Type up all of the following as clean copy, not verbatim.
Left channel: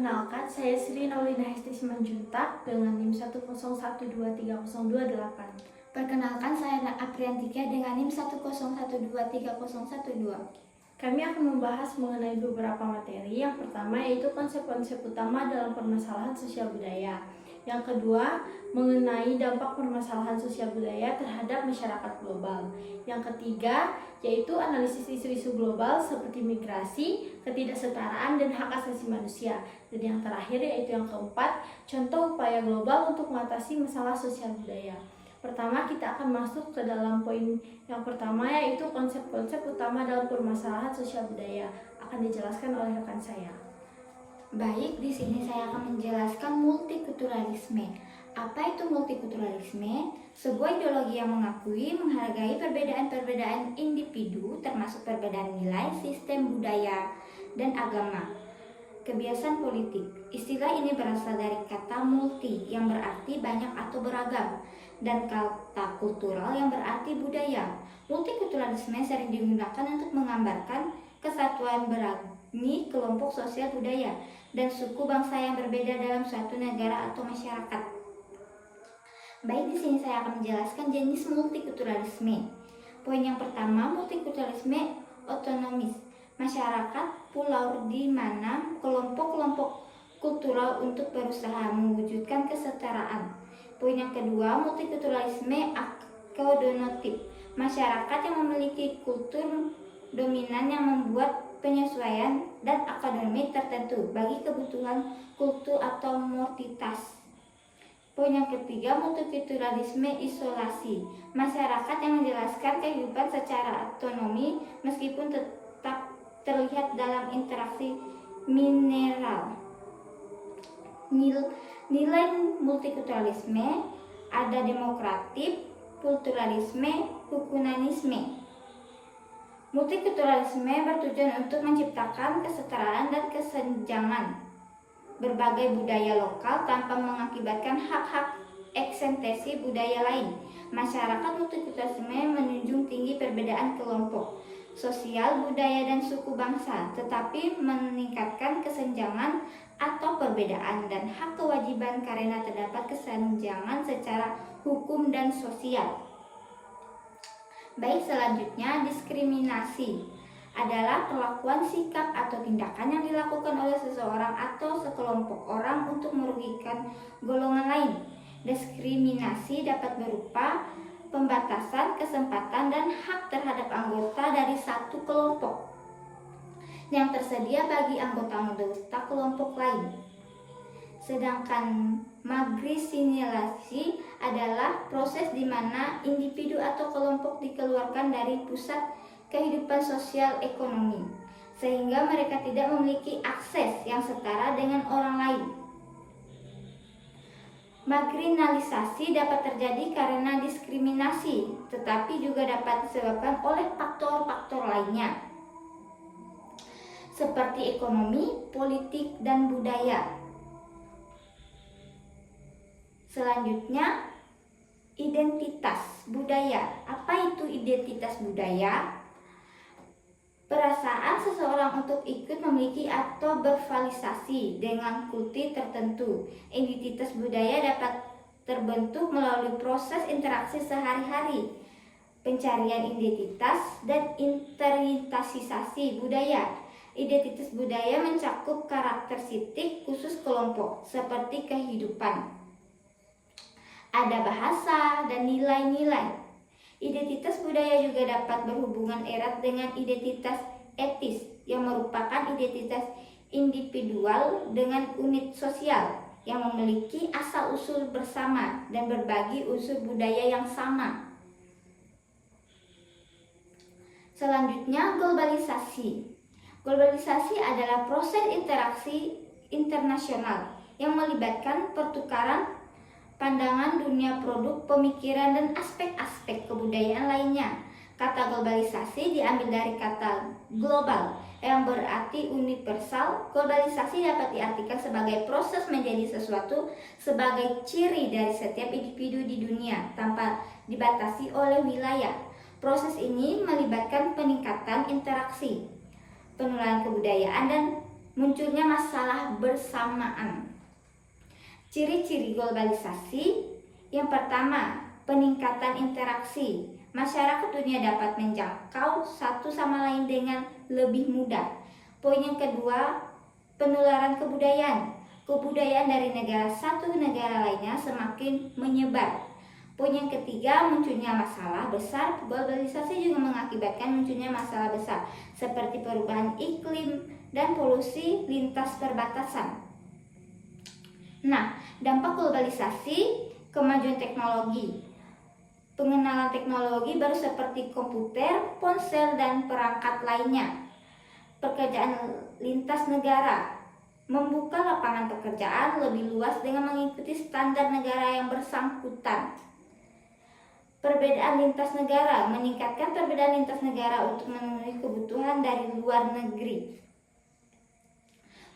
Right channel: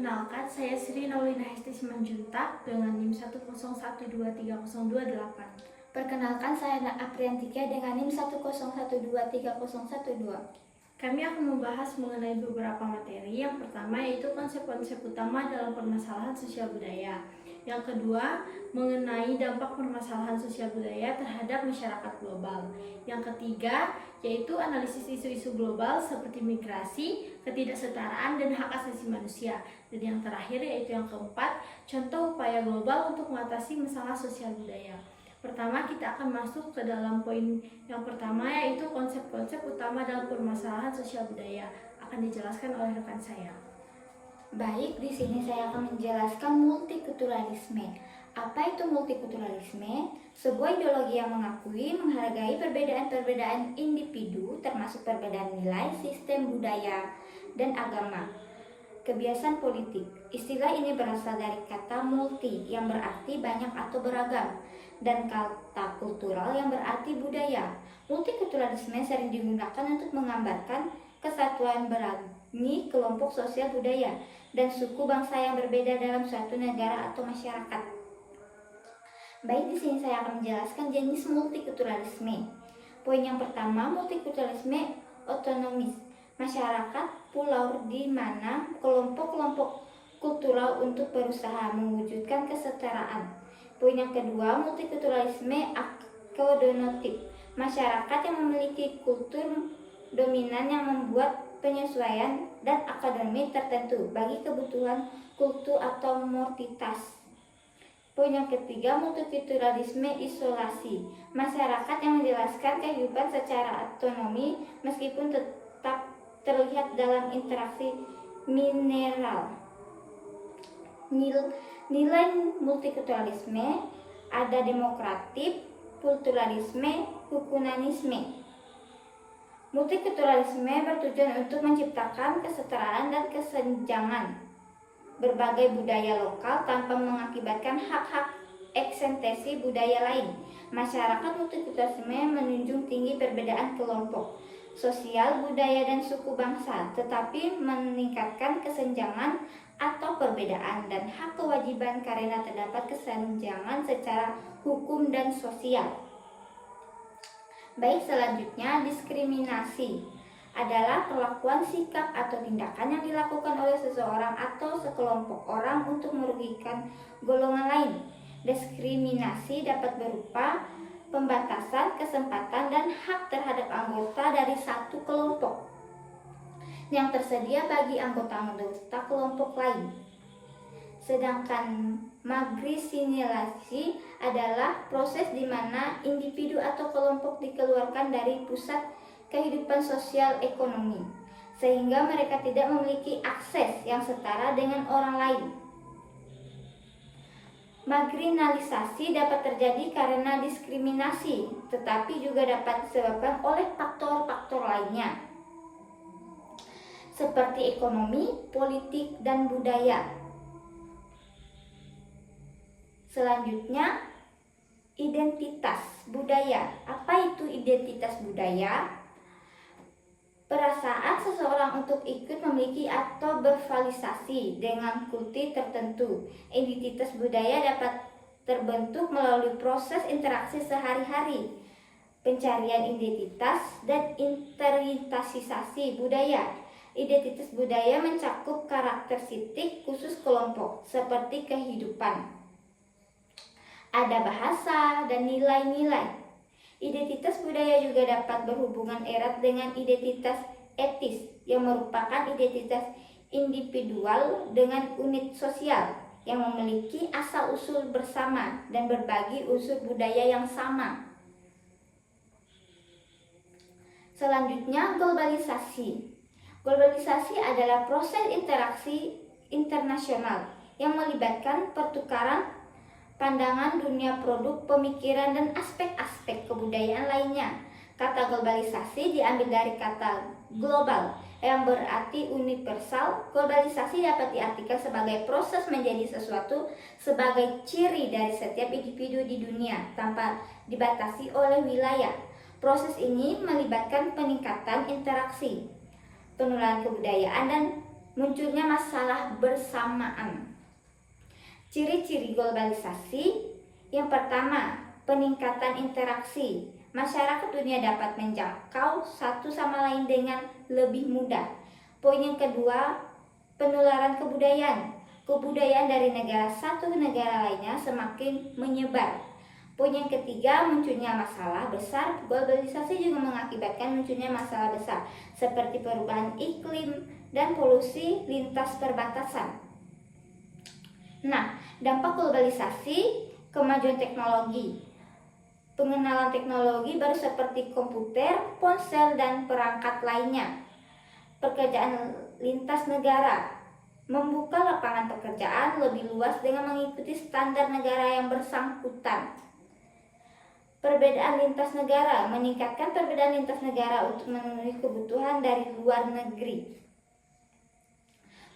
Perkenalkan, saya Sri Naulina Hesti Simanjuntak dengan NIM 101230228. Perkenalkan, saya Apriantika dengan NIM 101230112. Kami akan membahas mengenai beberapa materi. Yang pertama yaitu konsep-konsep utama dalam permasalahan sosial budaya. Yang kedua, mengenai dampak permasalahan sosial budaya terhadap masyarakat global. Yang ketiga, yaitu analisis isu-isu global seperti migrasi, ketidaksetaraan, dan hak asasi manusia. Dan yang terakhir yaitu yang keempat, contoh upaya global untuk mengatasi masalah sosial budaya. Pertama, kita akan masuk ke dalam poin yang pertama, yaitu konsep-konsep utama dalam permasalahan sosial budaya. Akan dijelaskan oleh rekan saya. Baik, di sini saya akan menjelaskan multikulturalisme. Apa itu multikulturalisme? Sebuah ideologi yang mengakui, menghargai perbedaan-perbedaan individu, termasuk perbedaan nilai, sistem budaya, dan agama. Kebiasaan politik. Istilah ini berasal dari kata multi yang berarti banyak atau beragam, dan kata kultural yang berarti budaya. Multikulturalisme sering digunakan untuk menggambarkan kesatuan beragam kelompok sosial budaya dan suku bangsa yang berbeda dalam suatu negara atau masyarakat. Baik, di sini saya akan menjelaskan jenis multikulturalisme. Poin yang pertama, multikulturalisme otonomis. Masyarakat pulau di mana kelompok-kelompok kultural untuk berusaha mewujudkan kesetaraan. Poin yang kedua, multikulturalisme akodonatif. Masyarakat yang memiliki kultur dominan yang membuat penyesuaian dan akademis tertentu bagi kebutuhan kultur atau mortitas. Poin yang ketiga, multikulturalisme isolasi. Masyarakat yang menjelaskan kehidupan secara otonomi meskipun tetap terlihat dalam interaksi mineral. Nilai multikulturalisme ada demokratif, pluralisme, humanisme. Multikulturalisme bertujuan untuk menciptakan kesetaraan dan kesenjangan berbagai budaya lokal tanpa mengakibatkan hak-hak eksistensi budaya lain. Masyarakat multikulturalisme menjunjung tinggi perbedaan kelompok sosial, budaya, dan suku bangsa, tetapi meningkatkan kesenjangan atau perbedaan dan hak kewajiban karena terdapat kesenjangan secara hukum dan sosial. Baik, selanjutnya diskriminasi adalah perlakuan, sikap, atau tindakan yang dilakukan oleh seseorang atau sekelompok orang untuk merugikan golongan lain. Diskriminasi dapat berupa pembatasan kesempatan dan hak terhadap anggota dari satu kelompok yang tersedia bagi anggota-anggota kelompok lain. Sedangkan marginalisasi adalah proses di mana individu atau kelompok dikeluarkan dari pusat kehidupan sosial ekonomi, sehingga mereka tidak memiliki akses yang setara dengan orang lain. Marginalisasi dapat terjadi karena diskriminasi, tetapi juga dapat disebabkan oleh faktor-faktor lainnya, seperti ekonomi, politik, dan budaya. Selanjutnya, identitas budaya. Apa itu identitas budaya? Perasaan seseorang untuk ikut memiliki atau berafiliasi dengan kultur tertentu. Identitas budaya dapat terbentuk melalui proses interaksi sehari-hari, pencarian identitas, dan internalisasi budaya. Identitas budaya mencakup karakteristik khusus kelompok, seperti kehidupan, ada bahasa, dan nilai-nilai. Identitas budaya juga dapat berhubungan erat dengan identitas etis yang merupakan identitas individual dengan unit sosial yang memiliki asal-usul bersama dan berbagi unsur budaya yang sama. Selanjutnya, globalisasi. Globalisasi adalah proses interaksi internasional yang melibatkan pertukaran pandangan dunia, produk, pemikiran, dan aspek-aspek kebudayaan lainnya. Kata globalisasi diambil dari kata global yang berarti universal. Globalisasi dapat diartikan sebagai proses menjadi sesuatu sebagai ciri dari setiap individu di dunia tanpa dibatasi oleh wilayah. Proses ini melibatkan peningkatan interaksi, penularan kebudayaan, dan munculnya masalah bersamaan. Ciri-ciri globalisasi. Yang pertama, peningkatan interaksi. Masyarakat dunia dapat menjangkau satu sama lain dengan lebih mudah. Poin yang kedua, penularan kebudayaan. Kebudayaan dari negara satu ke negara lainnya semakin menyebar. Poin yang ketiga, munculnya masalah besar. Globalisasi juga mengakibatkan munculnya masalah besar seperti perubahan iklim dan polusi lintas perbatasan. Nah, dampak globalisasi, kemajuan teknologi. Pengenalan teknologi baru seperti komputer, ponsel, dan perangkat lainnya. Pekerjaan lintas negara membuka lapangan pekerjaan lebih luas dengan mengikuti standar negara yang bersangkutan. Perbedaan lintas negara meningkatkan perbedaan lintas negara untuk memenuhi kebutuhan dari luar negeri.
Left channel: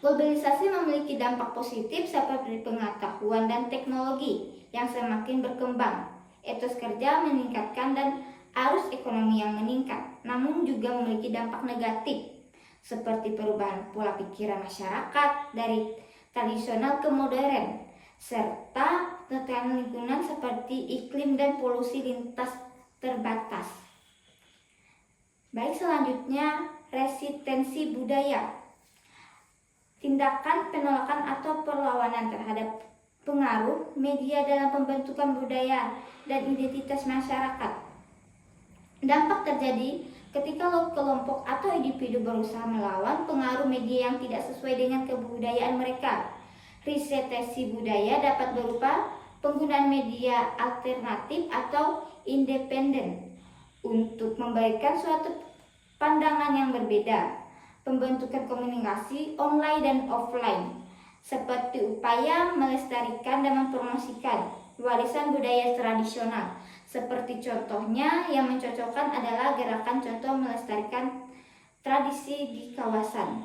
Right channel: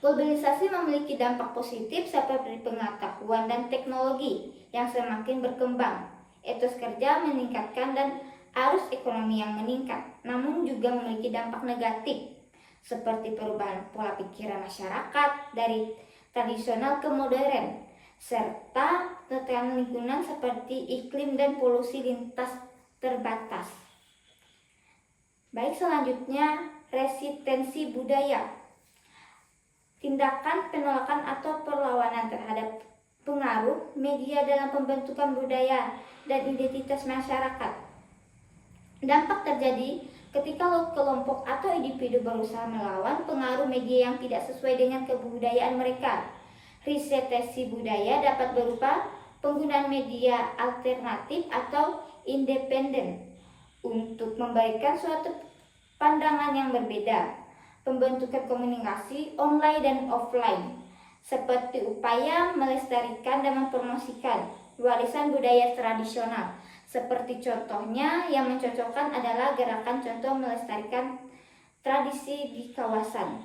Globalisasi memiliki dampak positif seperti pengetahuan dan teknologi yang semakin berkembang. Etos kerja meningkatkan dan arus ekonomi yang meningkat, namun juga memiliki dampak negatif seperti perubahan pola pikiran masyarakat dari tradisional ke modern, serta tekanan lingkungan seperti iklim dan polusi lintas terbatas. Baik, selanjutnya resistensi budaya. Tindakan penolakan atau perlawanan terhadap pengaruh media dalam pembentukan budaya dan identitas masyarakat. Dampak terjadi ketika kelompok atau individu berusaha melawan pengaruh media yang tidak sesuai dengan kebudayaan mereka. Resistensi budaya dapat berupa penggunaan media alternatif atau independen untuk memberikan suatu pandangan yang berbeda. Pembentukan komunikasi online dan offline seperti upaya melestarikan dan mempromosikan warisan budaya tradisional. Seperti contohnya yang mencocokkan adalah gerakan contoh melestarikan tradisi di kawasan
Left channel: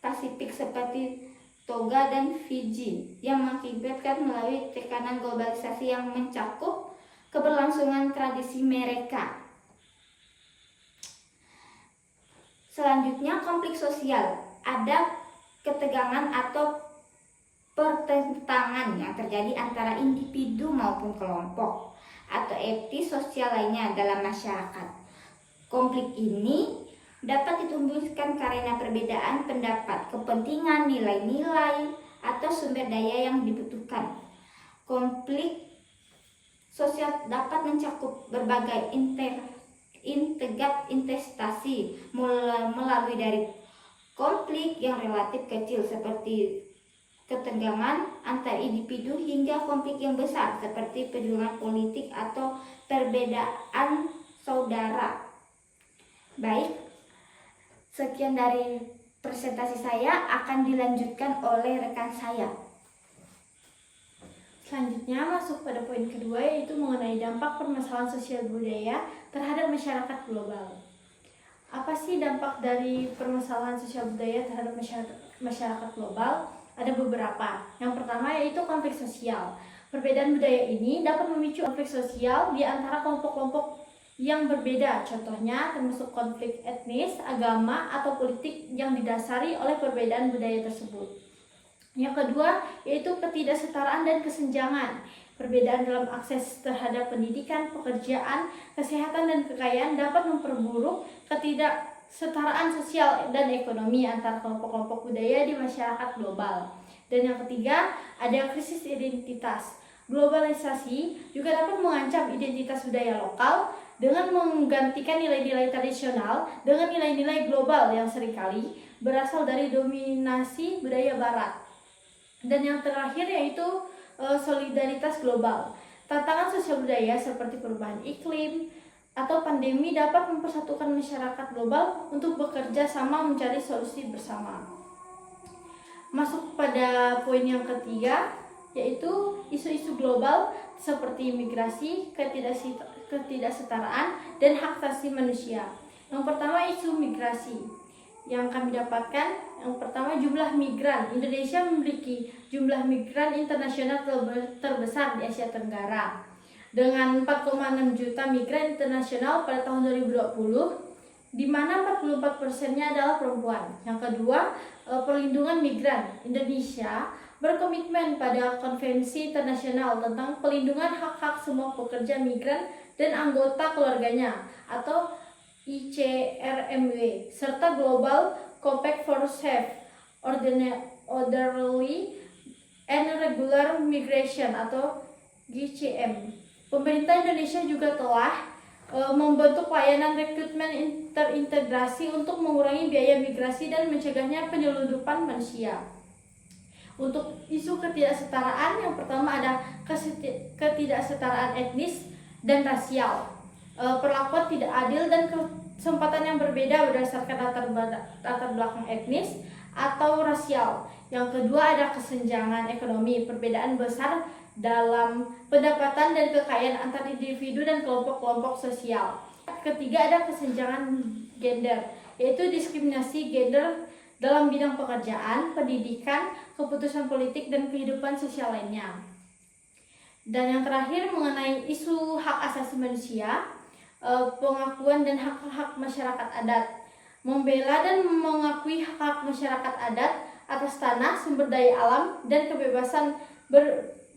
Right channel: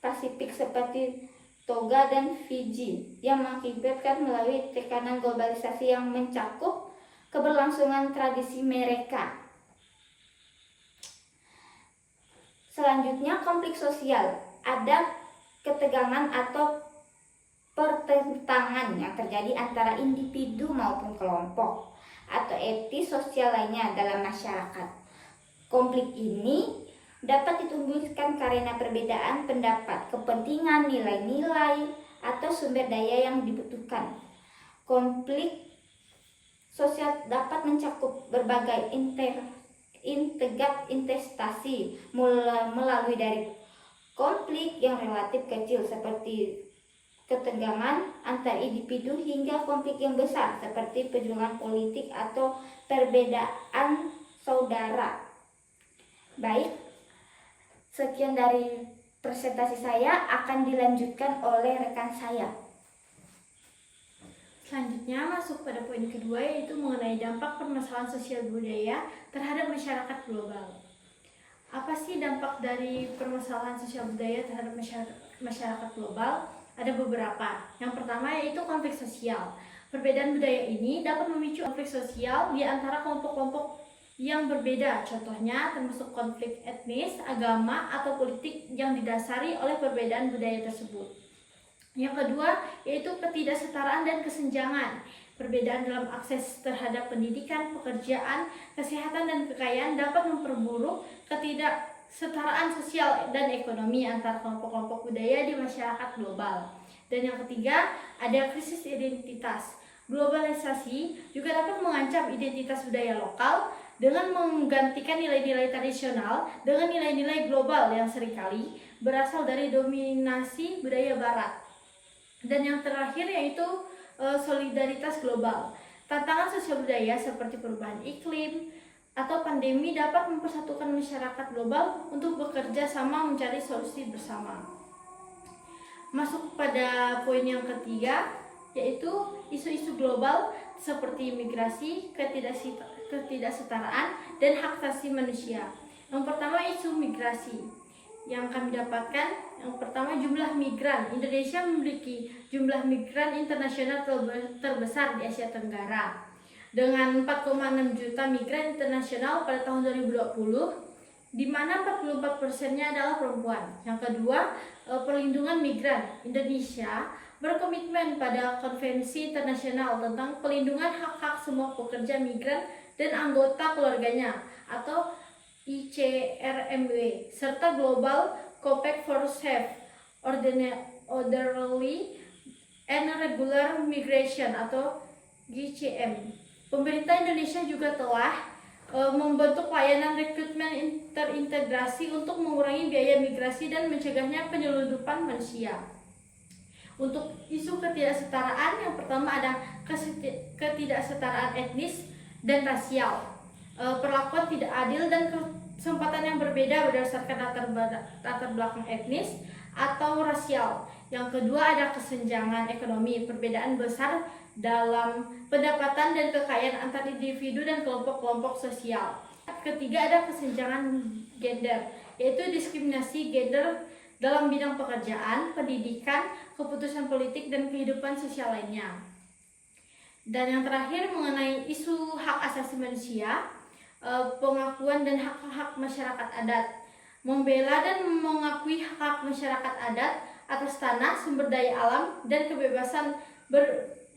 Pasifik seperti Toga dan Fiji yang mengakibatkan melalui tekanan globalisasi yang mencakup keberlangsungan tradisi mereka. Selanjutnya, konflik sosial. Ada ketegangan atau pertentangan yang terjadi antara individu maupun kelompok atau etis sosial lainnya dalam masyarakat. Konflik ini dapat ditumbuhkan karena perbedaan pendapat, kepentingan, nilai-nilai, atau sumber daya yang dibutuhkan. Konflik sosial dapat mencakup berbagai investasi melalui dari konflik yang relatif kecil seperti ketegangan antar individu hingga konflik yang besar seperti perjuangan politik atau perbedaan saudara. Baik, sekian dari presentasi saya, akan dilanjutkan oleh rekan saya. Selanjutnya masuk pada poin kedua, yaitu mengenai dampak permasalahan sosial budaya terhadap masyarakat global. Apa sih dampak dari permasalahan sosial budaya terhadap masyarakat global? Ada beberapa. Yang pertama yaitu konflik sosial. Perbedaan budaya ini dapat memicu konflik sosial di antara kelompok-kelompok yang berbeda. Contohnya termasuk konflik etnis, agama, atau politik yang didasari oleh perbedaan budaya tersebut. Yang kedua yaitu ketidaksetaraan dan kesenjangan. Perbedaan dalam akses terhadap pendidikan, pekerjaan, kesehatan, dan kekayaan dapat memperburuk ketidaksetaraan sosial dan ekonomi antar kelompok-kelompok budaya di masyarakat global. Dan yang ketiga, ada krisis identitas. Globalisasi juga dapat mengancam identitas budaya lokal dengan menggantikan nilai-nilai tradisional dengan nilai-nilai global yang seringkali berasal dari dominasi budaya barat. Dan yang terakhir yaitu solidaritas global. Tantangan sosial budaya seperti perubahan iklim atau pandemi dapat mempersatukan masyarakat global untuk bekerja sama mencari solusi bersama. Masuk pada poin yang ketiga, yaitu isu-isu global seperti migrasi, ketidaksetaraan, dan hak asasi manusia. Yang pertama, isu migrasi. Yang kami dapatkan, yang pertama, jumlah migran. Indonesia memiliki jumlah migran internasional terbesar di Asia Tenggara dengan 4,6 juta migran internasional pada tahun 2020, di mana 44%-nya adalah perempuan. Yang kedua, Perlindungan Migran Indonesia berkomitmen pada Konvensi Internasional tentang Pelindungan Hak-Hak Semua Pekerja Migran dan Anggota Keluarganya atau ICRMW serta Global Compact for Safe, Orderly and Regular Migration atau GCM. Pemerintah Indonesia juga telah membentuk layanan rekrutmen terintegrasi untuk mengurangi biaya migrasi dan mencegahnya penyelundupan manusia. Untuk isu ketidaksetaraan, yang pertama ada ketidaksetaraan etnis dan rasial, perlakuan tidak adil dan kesempatan yang berbeda berdasarkan latar belakang etnis atau rasial. Yang kedua ada kesenjangan ekonomi, perbedaan besar dalam pendapatan dan kekayaan antar individu dan kelompok-kelompok sosial. Ketiga ada kesenjangan gender, yaitu diskriminasi gender dalam bidang pekerjaan, pendidikan, keputusan politik, dan kehidupan sosial lainnya. Dan yang terakhir mengenai isu hak asasi manusia, pengakuan dan hak-hak masyarakat adat, membela dan mengakui hak-hak masyarakat adat atas tanah, sumber daya alam, dan kebebasan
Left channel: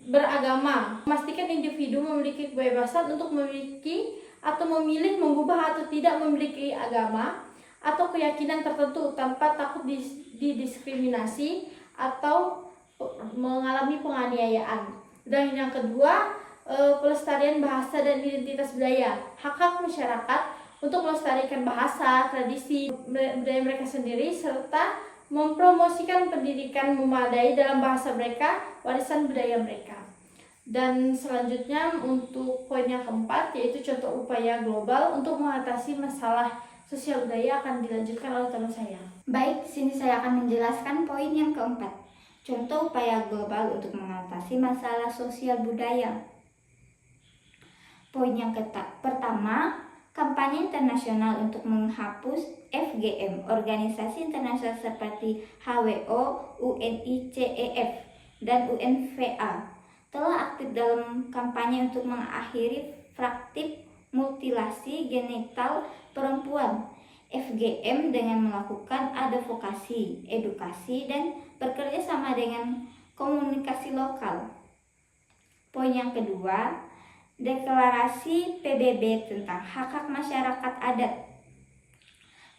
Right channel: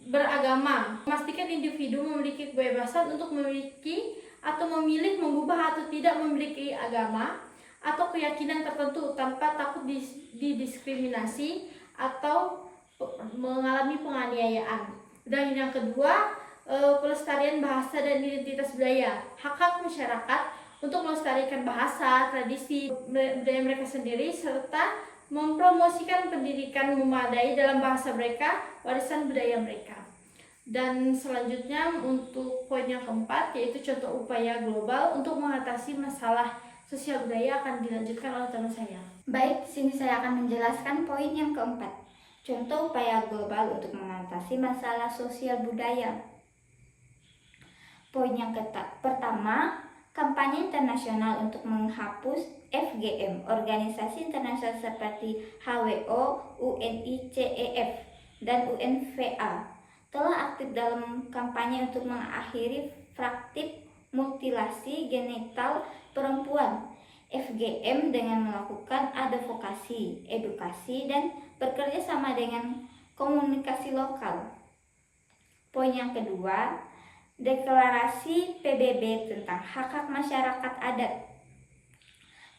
beragama, memastikan individu memiliki kebebasan untuk memiliki atau memilih mengubah atau tidak memiliki agama atau keyakinan tertentu tanpa takut didiskriminasi atau mengalami penganiayaan. Dan yang kedua, pelestarian bahasa dan identitas budaya, hak-hak masyarakat untuk melestarikan bahasa, tradisi budaya mereka sendiri serta mempromosikan pendidikan memadai dalam bahasa mereka, warisan budaya mereka. Dan selanjutnya untuk poin yang keempat, yaitu contoh upaya global untuk mengatasi masalah sosial budaya akan dilanjutkan oleh teman saya. Baik, sini saya akan menjelaskan poin yang keempat. Contoh upaya global untuk mengatasi masalah sosial budaya. Poin yang pertama, kampanye internasional untuk menghapus FGM, organisasi internasional seperti HWO, UNICEF, dan UNVA telah aktif dalam kampanye untuk mengakhiri praktik mutilasi genital perempuan FGM dengan melakukan advokasi, edukasi, dan bekerja sama dengan komunikasi lokal. Poin yang kedua, deklarasi PBB tentang hak-hak masyarakat adat.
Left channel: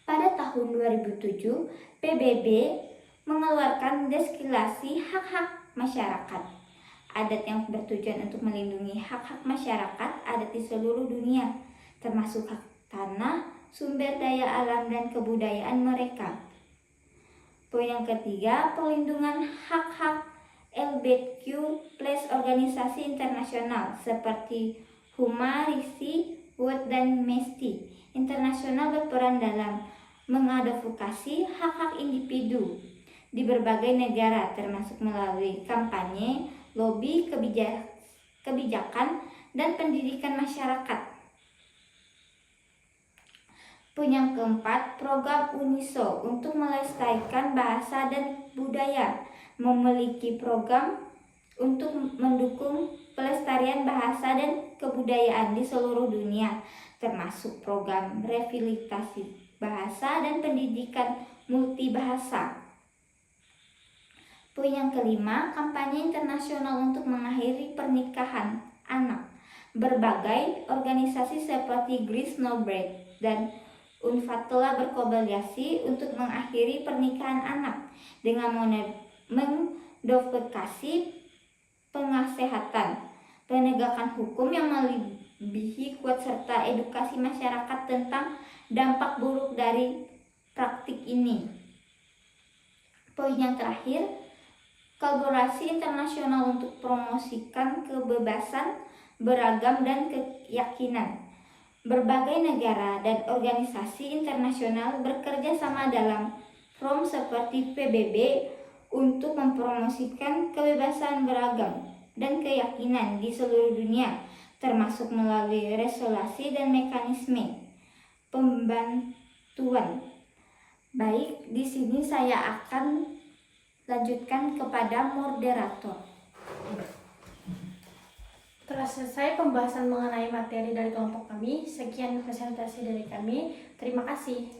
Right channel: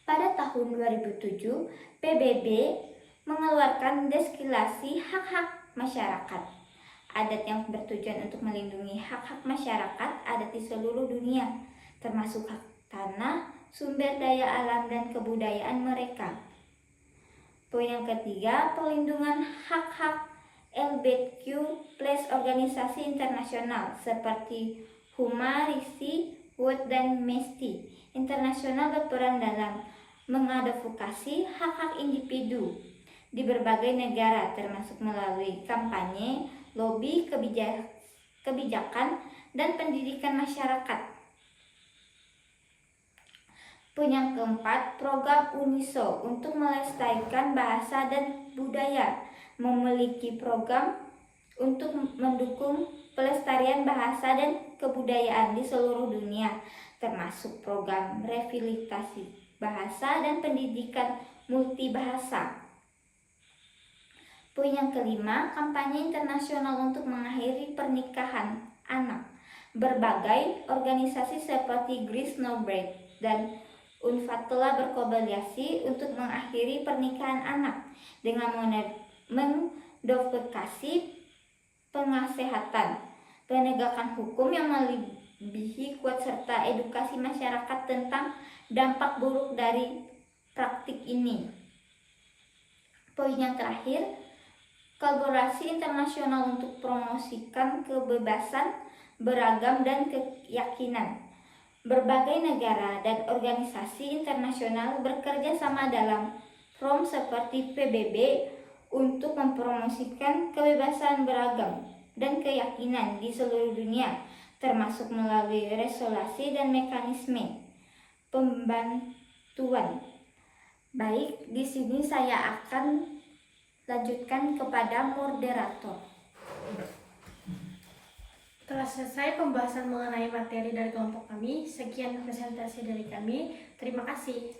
Pada tahun 2007, PBB mengeluarkan deklarasi hak-hak masyarakat adat yang bertujuan untuk melindungi hak-hak masyarakat adat di seluruh dunia, termasuk hak tanah, sumber daya alam, dan kebudayaan mereka. Poin yang ketiga, perlindungan hak-hak LGBTQ+ organisasi internasional seperti Huma, RISI, World, dan Amnesty Internasional berperan dalam mengadvokasi hak-hak individu di berbagai negara, termasuk melalui kampanye, lobi, kebijakan, dan pendidikan masyarakat. Poin yang keempat, program UNISO untuk melestarikan bahasa dan budaya memiliki program untuk mendukung pelestarian bahasa dan kebudayaan di seluruh dunia, termasuk program revitalisasi bahasa dan pendidikan multibahasa. Poin yang kelima, kampanye internasional untuk mengakhiri pernikahan anak. Berbagai organisasi seperti Grace Nobel dan UNFPA telah berkolaborasi untuk mengakhiri pernikahan anak dengan mengadvokasi pengasehatan, penegakan hukum yang melebihi kuat serta edukasi masyarakat tentang dampak buruk dari praktik ini. Poin yang terakhir, kolaborasi internasional untuk promosikan kebebasan beragam dan keyakinan. Berbagai negara dan organisasi internasional bekerja sama dalam forum seperti PBB untuk mempromosikan kebebasan beragam dan keyakinan di seluruh dunia, termasuk melalui resolusi dan mekanisme pembantuan. Baik, di sini saya akan lanjutkan kepada moderator. Telah selesai pembahasan mengenai materi dari kelompok kami. Sekian presentasi dari kami. Terima kasih.